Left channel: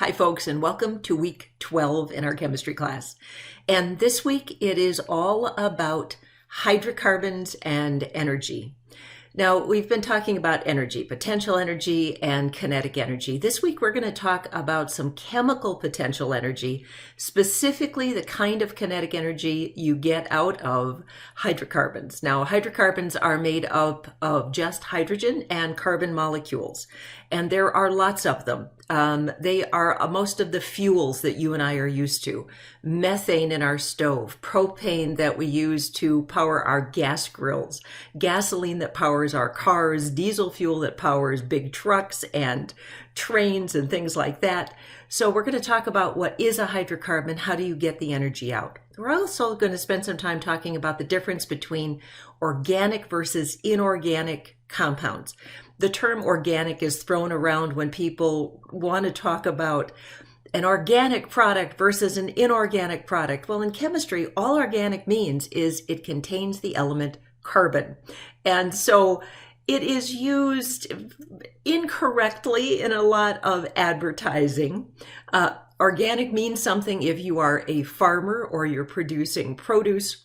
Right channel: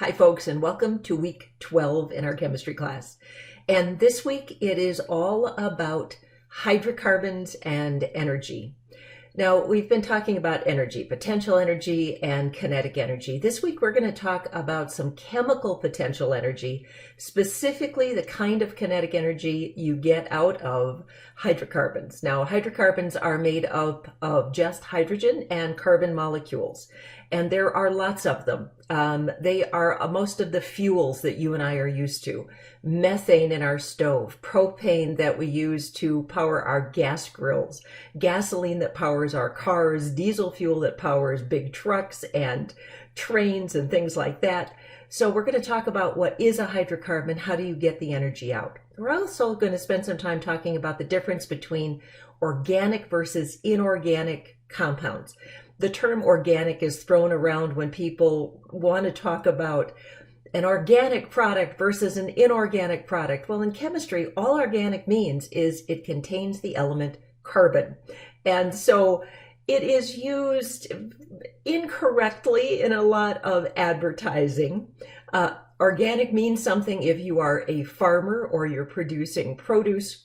Hi folks, and welcome to week 12 in our chemistry class. And this week it is all about hydrocarbons and energy. Now, we've been talking about energy, potential energy and kinetic energy. This week we're going to talk about some chemical potential energy, specifically the kind of kinetic energy you get out of hydrocarbons. Now, hydrocarbons are made up of just hydrogen and carbon molecules, and there are lots of them. They are most of the fuels that you and I are used to. Methane in our stove, propane that we use to power our gas grills, gasoline that powers our cars, diesel fuel that powers big trucks and trains and things like that. So we're going to talk about what is a hydrocarbon, how do you get the energy out. We're also going to spend some time talking about the difference between organic versus inorganic compounds. The term organic is thrown around when people want to talk about an organic product versus an inorganic product. Well, in chemistry, all organic means is it contains the element carbon. And so it is used incorrectly in a lot of advertising. Organic means something if you are a farmer or you're producing produce,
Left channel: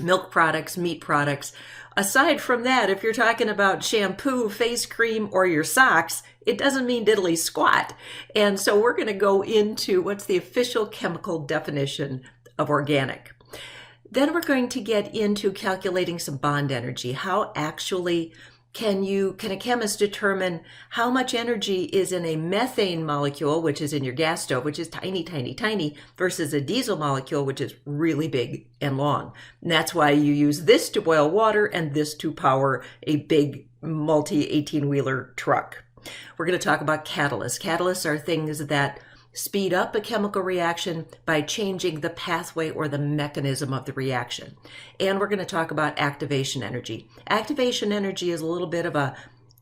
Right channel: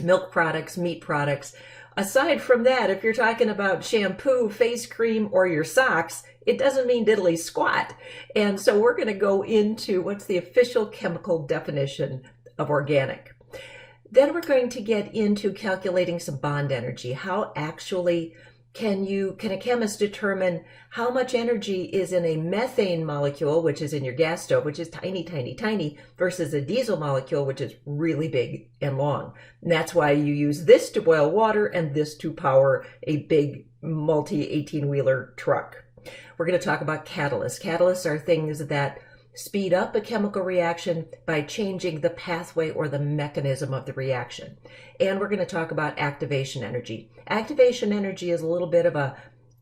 milk products, meat products. Aside from that, if you're talking about shampoo, face cream, or your socks, it doesn't mean diddly squat. And so we're going to go into what's the official chemical definition of organic. Then we're going to get into calculating some bond energy. How actually can a chemist determine how much energy is in a methane molecule, which is in your gas stove, which is tiny, tiny, tiny, versus a diesel molecule, which is really big and long. And that's why you use this to boil water and this to power a big multi-18-wheeler truck. We're going to talk about catalysts. Catalysts are things that speed up a chemical reaction by changing the pathway or the mechanism of the reaction. And we're going to talk about activation energy. Activation energy is a little bit of a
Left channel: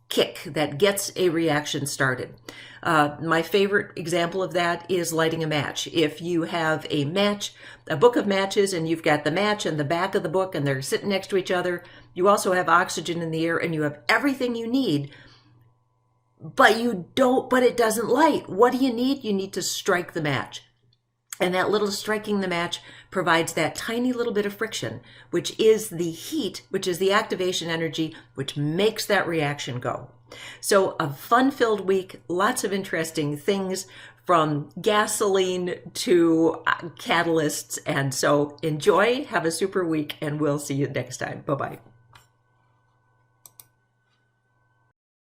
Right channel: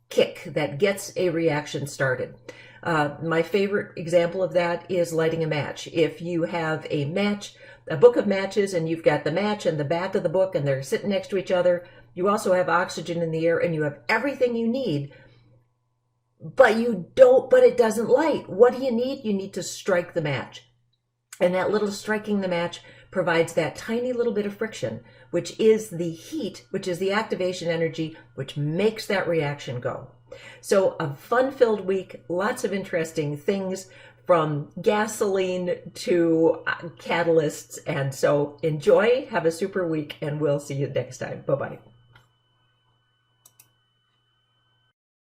kick that gets a reaction started. My favorite example of that is lighting a match. If you have a book of matches, and you've got the match and the back of the book and they're sitting next to each other, you also have oxygen in the air and you have everything you need, but it doesn't light. What do you need? You need to strike the match. And that little striking the match provides that tiny little bit of friction, which is the heat, which is the activation energy, which makes that reaction go. So a fun-filled week, lots of interesting things from gasoline to catalysts. And so enjoy, have a super week, and we'll see you next time. Bye-bye.